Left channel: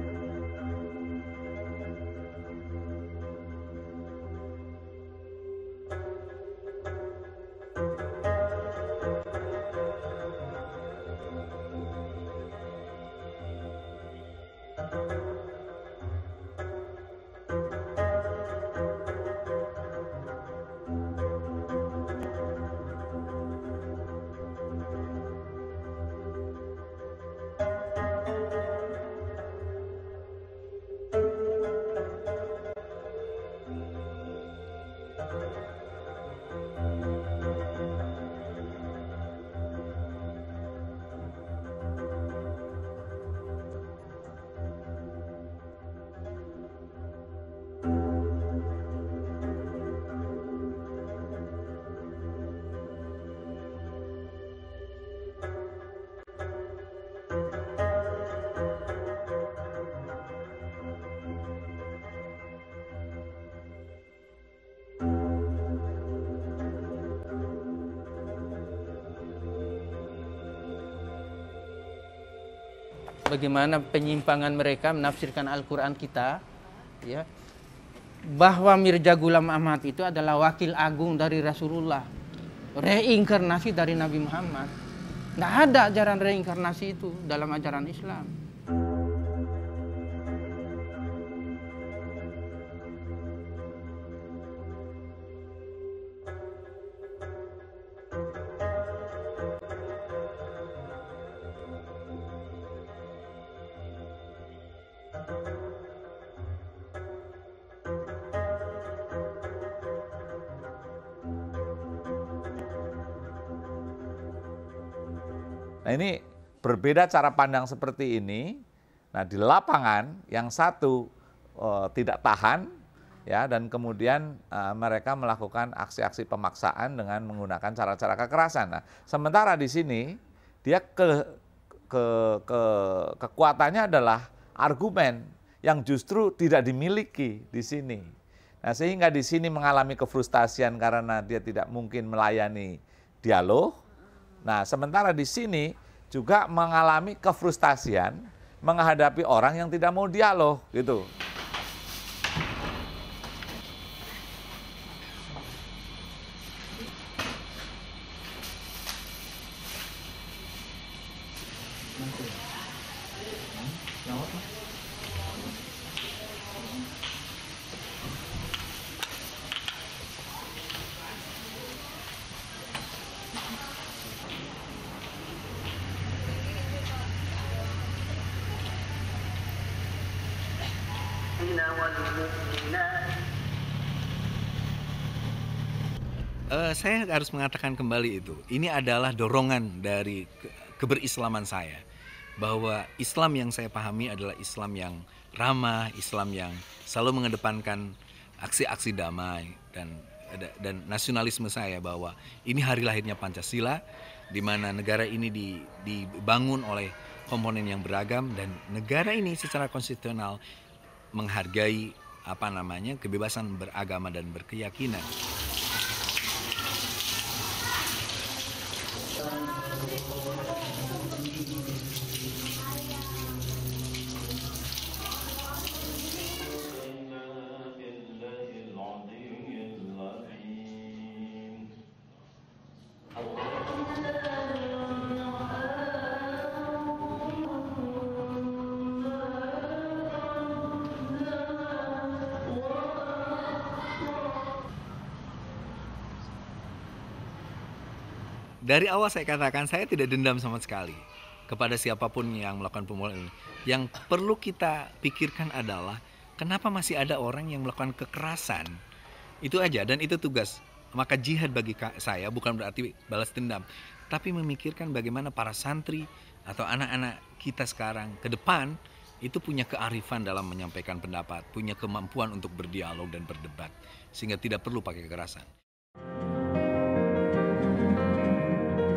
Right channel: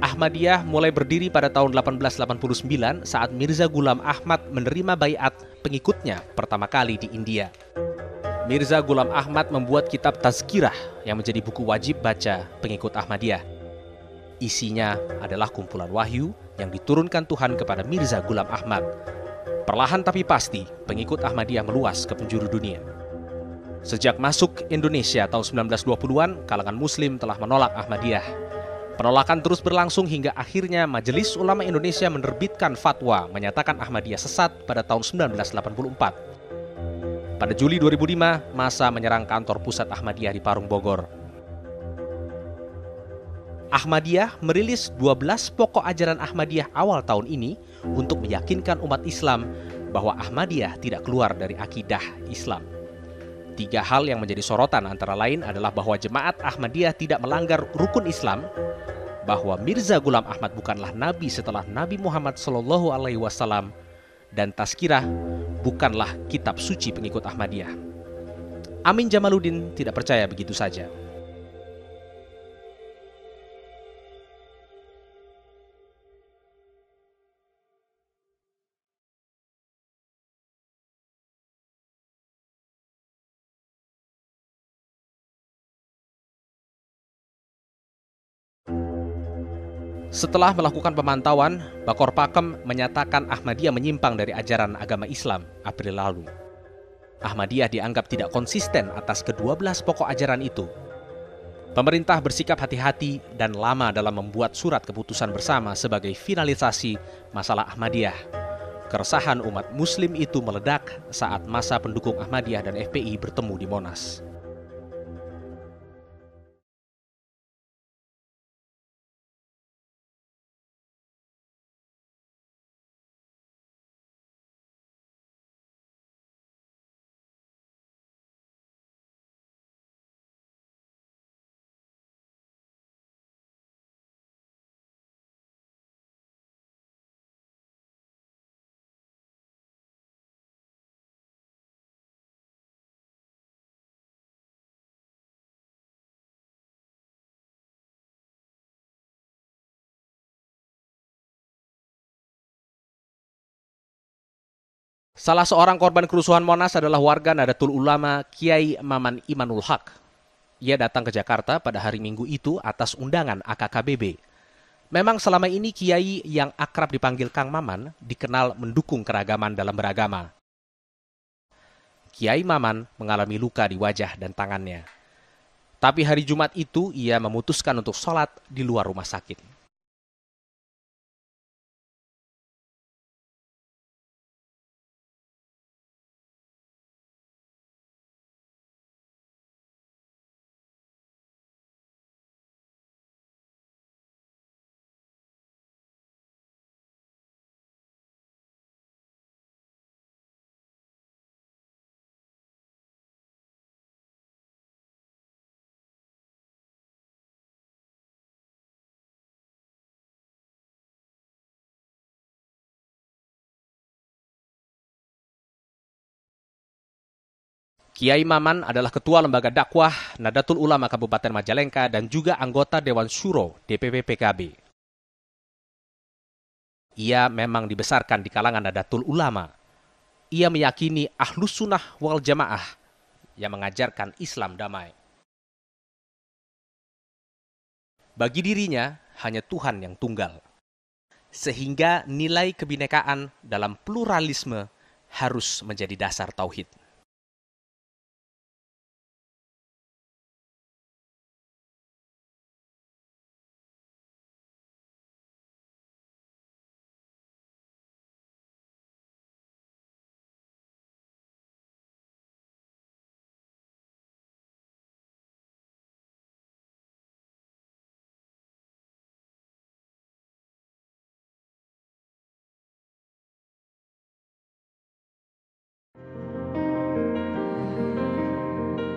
Ahmadiyah mulai berdiri pada tahun 1889 saat Mirza Ghulam Ahmad menerima baiat pengikutnya pertama kali di India. Mirza Ghulam Ahmad membuat kitab Tazkirah yang menjadi buku wajib baca pengikut Ahmadiyah. Isinya adalah kumpulan wahyu yang diturunkan Tuhan kepada Mirza Ghulam Ahmad. Perlahan tapi pasti, pengikut Ahmadiyah meluas ke penjuru dunia. Sejak masuk Indonesia tahun 1920-an, kalangan Muslim telah menolak Ahmadiyah. Penolakan terus berlangsung hingga akhirnya Majelis Ulama Indonesia menerbitkan fatwa menyatakan Ahmadiyah sesat pada tahun 1984. Pada Juli 2005, massa menyerang kantor pusat Ahmadiyah di Parung, Bogor. Ahmadiyah merilis 12 pokok ajaran Ahmadiyah awal tahun ini untuk meyakinkan umat Islam bahwa Ahmadiyah tidak keluar dari akidah Islam. 3 hal yang menjadi sorotan antara lain adalah bahwa jemaat Ahmadiyah tidak melanggar rukun Islam, bahwa Mirza Ghulam Ahmad bukanlah nabi setelah Nabi Muhammad SAW, dan Tazkirah bukanlah kitab suci pengikut Ahmadiyah. Amin Jamaluddin tidak percaya begitu saja. Bagaimana penyimpangan mereka menafsirkan Al-Quran kita, ya, bahwa Mirza Ghulam Ahmad itu adalah wakil agung dari Rasulullah, reinkarnasi dari Nabi Muhammad. Tidak ada ajaran reinkarnasi itu dalam ajaran Islam. Setelah melakukan pemantauan, Bakor Pakem menyatakan Ahmadiyah menyimpang dari ajaran agama Islam April lalu. Ahmadiyah dianggap tidak konsisten atas ke-12 pokok ajaran itu. Pemerintah bersikap hati-hati dan lama dalam membuat surat keputusan bersama sebagai finalisasi masalah Ahmadiyah. Keresahan umat Muslim itu meledak saat massa pendukung Ahmadiyah dan FPI bertemu di Monas. Nah, ini berbeda cara pandang seperti ini. Nah, di lapangan yang satu tidak tahan, ya, dan kemudian mereka melakukan aksi-aksi pemaksaan dengan menggunakan cara-cara kekerasan. Nah, sementara di sini dia kekuatannya adalah argumen yang justru tidak dimiliki di sini. Nah, sehingga di sini mengalami kefrustasian karena dia tidak mungkin melayani dialog. Nah, sementara di sini juga mengalami kefrustasian menghadapi orang yang tidak mau dialog, gitu. Salah seorang korban kerusuhan Monas adalah warga Nahdlatul Ulama Kiai Maman Imanul Haq. Ia datang ke Jakarta pada hari Minggu itu atas undangan AKKBB. Memang selama ini Kiai yang akrab dipanggil Kang Maman dikenal mendukung keragaman dalam beragama. Kiai Maman mengalami luka di wajah dan tangannya. Tapi hari Jumat itu ia memutuskan untuk sholat di luar rumah sakit. Saya harus mengatakan kembali itu. Ini adalah dorongan dari keberislaman saya. Bahwa Islam yang saya pahami adalah Islam yang ramah, Islam yang selalu mengedepankan aksi-aksi damai dan nasionalisme saya bahwa ini hari lahirnya Pancasila, di mana negara ini dibangun oleh komponen yang beragam dan negara ini secara konstitusional menghargai kebebasan beragama dan berkeyakinan. Kiai Maman adalah ketua lembaga dakwah Nahdlatul Ulama Kabupaten Majalengka dan juga anggota Dewan Syuro DPP PKB. Ia memang dibesarkan di kalangan Nahdlatul Ulama. Ia meyakini Ahlus Sunnah wal Jamaah yang mengajarkan Islam damai. Bagi dirinya, hanya Tuhan yang tunggal. Sehingga nilai kebinekaan dalam pluralisme harus menjadi dasar tauhid. Dari awal saya katakan, saya tidak dendam sama sekali kepada siapapun yang melakukan pembunuhan ini. Yang perlu kita pikirkan adalah, kenapa masih ada orang yang melakukan kekerasan? Itu aja, dan itu tugas. Maka jihad bagi saya bukan berarti balas dendam, tapi memikirkan bagaimana para santri atau anak-anak kita sekarang ke depan itu punya kearifan dalam menyampaikan pendapat, punya kemampuan untuk berdialog dan berdebat, sehingga tidak perlu pakai kekerasan.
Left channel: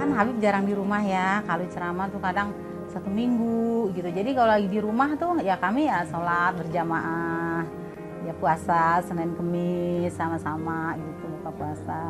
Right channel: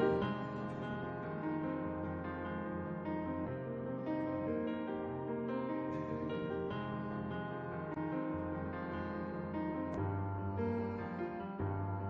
Kan Habib jarang di rumah ya, kalau ceramah tuh kadang 1 minggu gitu. Jadi kalau lagi di rumah tuh ya kami ya sholat berjamaah, ya puasa Senin Kemis sama-sama gitu buka puasa.